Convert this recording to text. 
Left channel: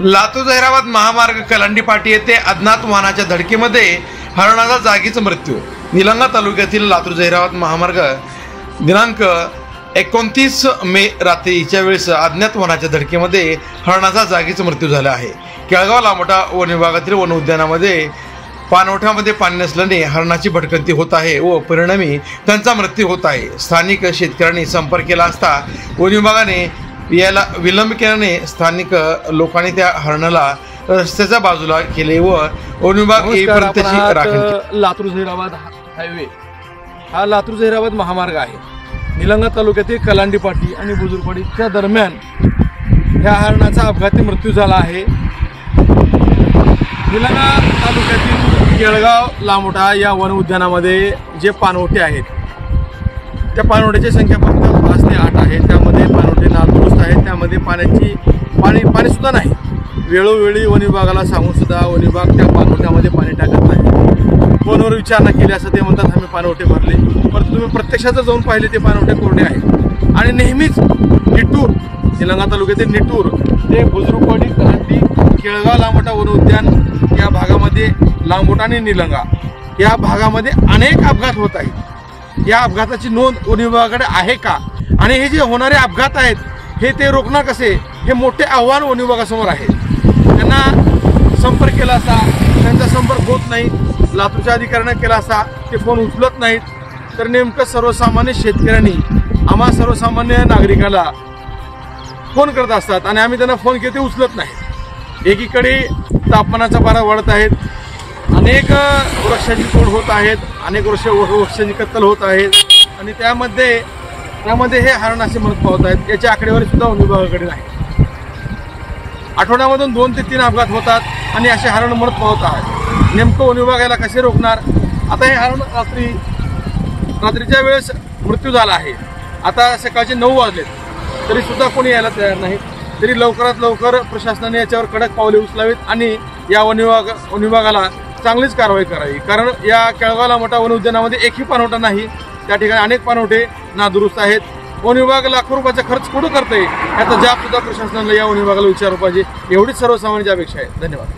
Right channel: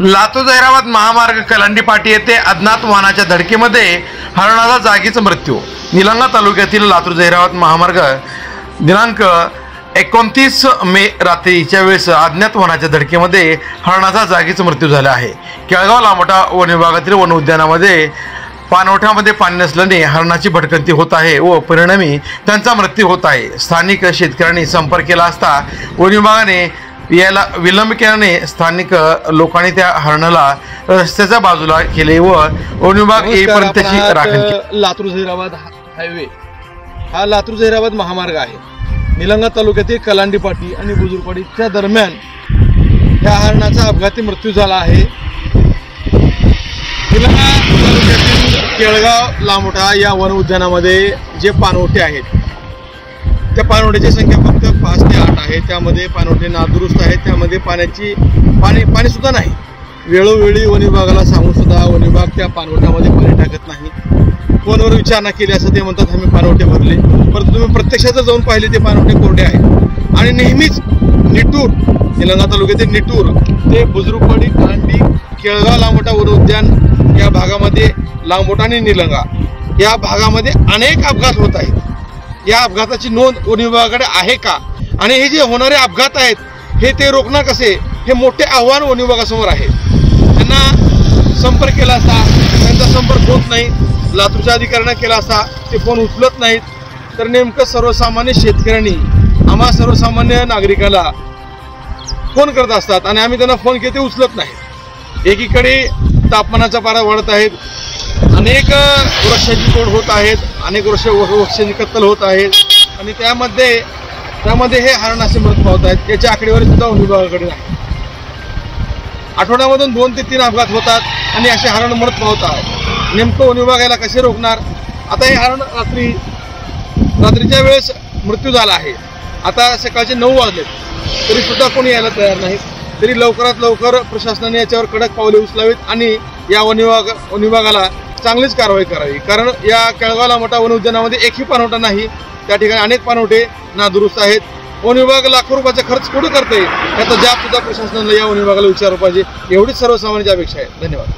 लातूर जहिराबाद महामार्ग कलांडी पाटी येथे अज्ञात वाहनाच्या धडकेमध्ये हरणाचा जागीच मृत्यू। निलंगा तालुक्यातील लातूर जहिराबाद महामार्ग दिनांक 29 मे रात्रीच्या वेळेस अज्ञात वाहनाच्या धडकेमध्ये हरणाचा जागीच मृत्यू झाला आहे। केळगाव लामोटा वन विभागातील वन उद्यानामध्ये पाणवठ्यामध्ये पाणी नसल्याने हरणाची भटकंती होत आहे व परिणामी त्यांचा मृत्यू होत आहे। स्थानिक शेतकऱ्यांनी संपर्क केला असता वन विभागाने याला विलंब केल्याने स्थानिक लोकांनी त्या हरणाला रस्त्याच्या बाजूला केले व वन विभाग येईपर्यंत त्याची राखण केली। लातूर जहिराबाद हायवे हा लातूर जहिराबाद महामार्ग आहे। निलंगा तालुक्यातील कलांडी पाटी आणि बुजुर्गवाडीच्या दरम्यान ह्या हरणाचा अपघाती मृत्यू झाला आहे। निलंगा तालुक्यातील केळगाव लामोटा या वन उद्यानामध्ये जे पाणवठे आहेत त्या पाणवठ्याची संख्या फक्त 5 ते 8 आहे। त्यामध्ये पाणवठे नादुरुस्त आहेत, त्यामध्ये पाणी सुद्धा नाही। वेळोवेळी वन विभागाला सांगून सुद्धा वन विभाग त्या पाणवठ्यामध्ये पाणी टाकत नाही। फोनवर विचारणा केली असं ते म्हणतात आम्ही पाणवठे भरले, परंतु तुम्ही प्रत्यक्षात जर जाऊन पाहिले ते पाणवठे कोरडे आहेत। आणि नेहमीच निटूर निलंगा तालुक्यातील निटूर ते बुजुर्गवाडी कलांडी केळगाव लामोटा वन उद्यान या भागामध्ये लामोटा आणि निलंगा या भागामध्ये अनेक अपघात होत आहेत। या अपघाताची नोंद वन विभागाकडे आहे का आणि हे जे होणारे अपघात आहेत हे ते रोखणार कसे हे मोठे आव्हान वन विभागासमोर आहे। त्यांना संपर्क केला असता त्यांचा संपर्क होत नाही, लातूरच्या अधिकाऱ्यांना केला असता ते फोन उचलत नाहीत, तर नेमकं सर्वसामान्य शेतकऱ्यांनी आम्हा सर्वसामान्य नागरिकाला फोन करत असतात आणि आम्ही त्यांना फोन केले ते उचलत नाहीत। एकीकडे तापमानाचा पारा वाढत आहेत, अनेक वृक्षांची तोड होत आहेत, अनेक वृक्षांची कत्तल होत आहेत आणि त्यामध्ये हे हरण असे मृत पावत आहेत। याची आकडेवारी सुद्धा वन विभागाकडे नाही। आठवड्यामधून 2 ते 3 अपघात होतात आणि असे हरण मृत पावत आहेत। नेमकं वन विभाग याला कसे रोखणार? आता हे हरण रात्रीच्या वेळेस मृत्यू झाला आहे। आता सकाळचे 9 वाजलेत तरी सुद्धा कोणी यायला तयार नाही। तरी लवकरात लवकर प्रशासनाने याच्यावर कडक पावले उचलावीत आणि या वन विभागाला चांगलीच कारवाई करावी। कारण या केळगाव लामोटा वन उद्यानामध्ये एकही पाणवठा नाही, त्या ठिकाणी अनेक पाणवठे नादुरुस्त आहेत। वन विभाग लाखो रुपयाचा खर्च कुठं करते याचा जाब सुद्धा प्रशासनाला या वन विभागाला विचारलं पाहिजे, एवढीच सर्वसामान्यांची अपेक्षा आहे। धन्यवाद।